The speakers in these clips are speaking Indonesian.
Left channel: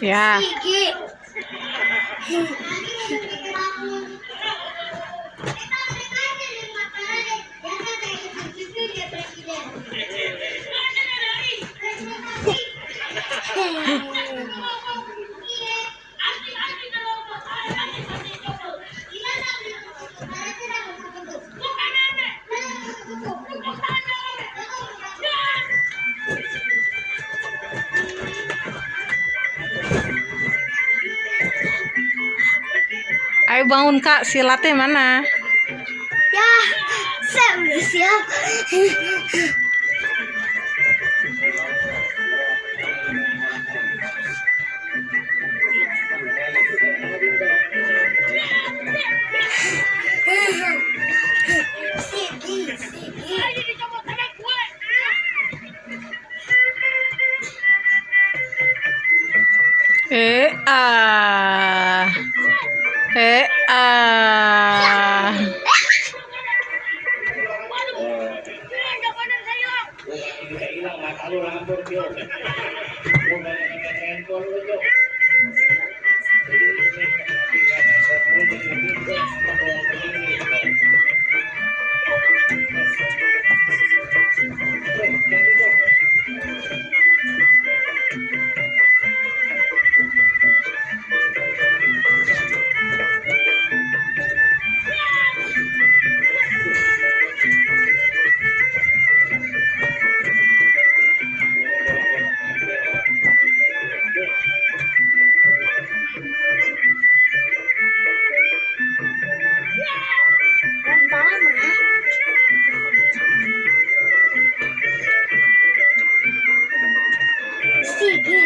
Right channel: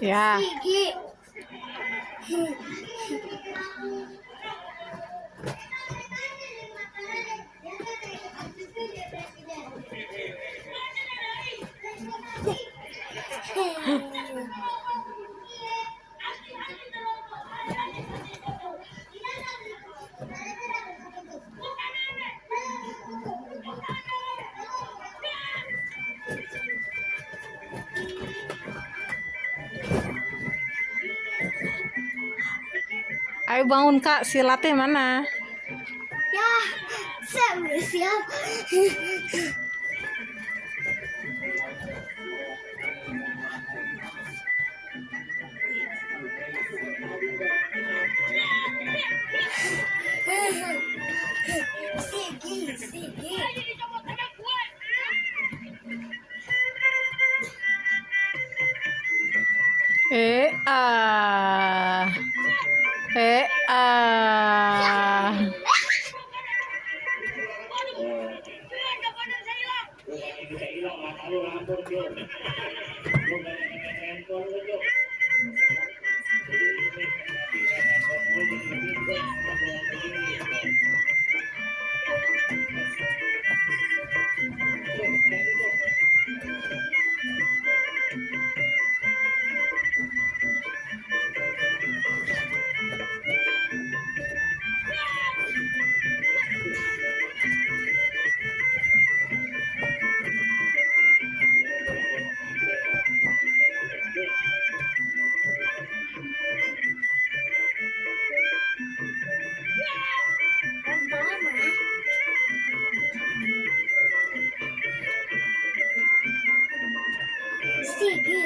Ya. Ayo bangun Kak, silatnya mana? Ya, saya udah siap. Sigi. Ah.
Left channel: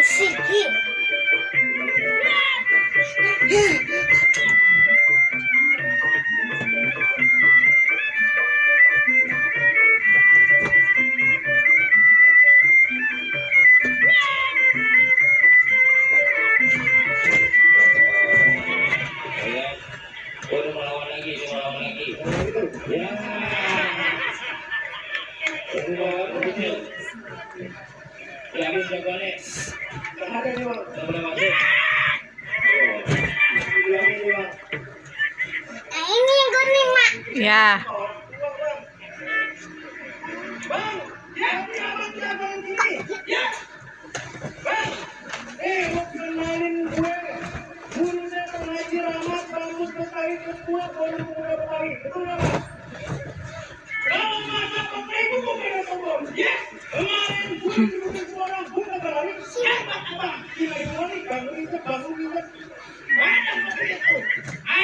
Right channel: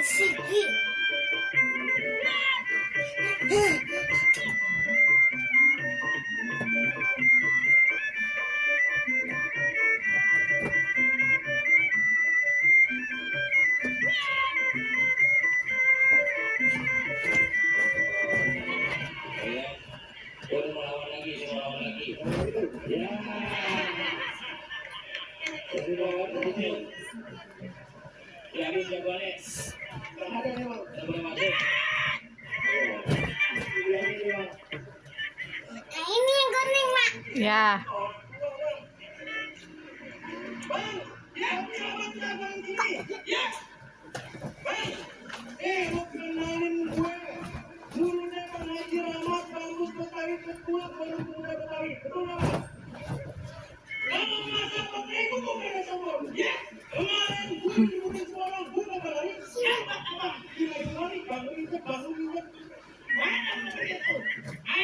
Sigi. Melawan lagi. Nah, ini yang kuning, Mak. Ya.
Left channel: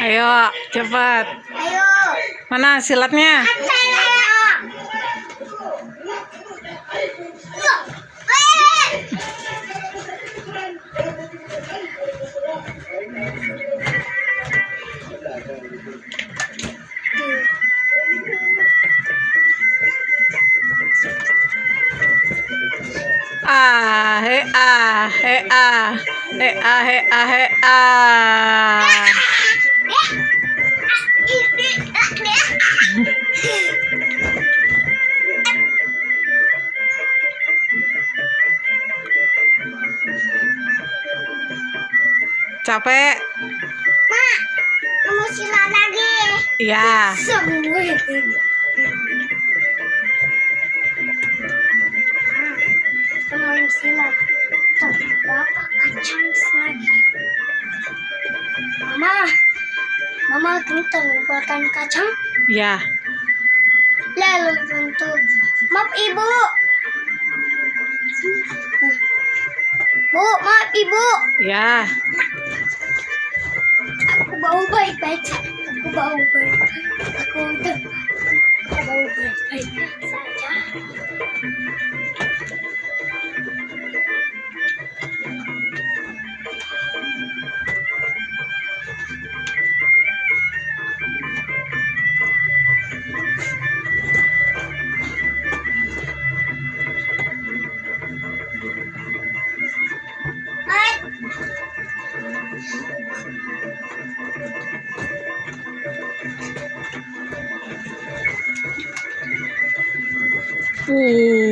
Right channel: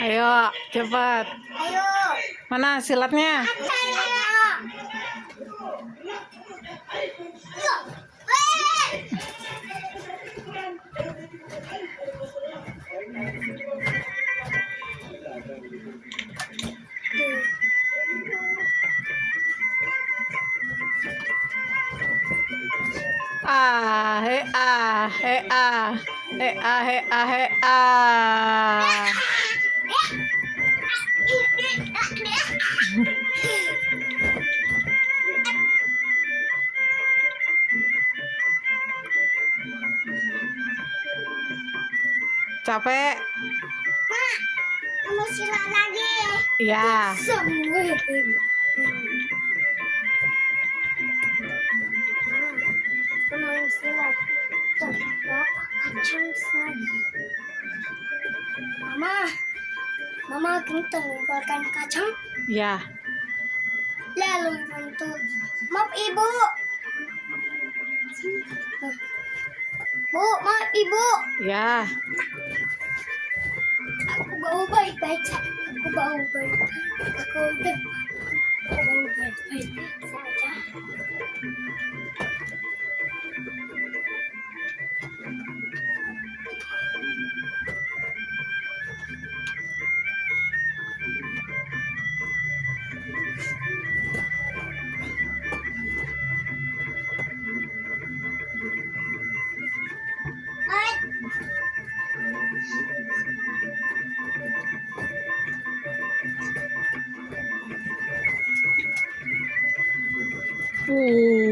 Ayo, cepat. Ayo. Mana silatnya? Capek? Mak, kamu silat lagi. Ya. Semua itu. Main silat. Bapak kacang lagi. Mama kita mengumpulkan kacang. Ya. Lalu bentuk. Maaf ibu. Bu, maaf ibu. Ya. Aku bau baik-baik. Aku bau baik-baik saja. Uh.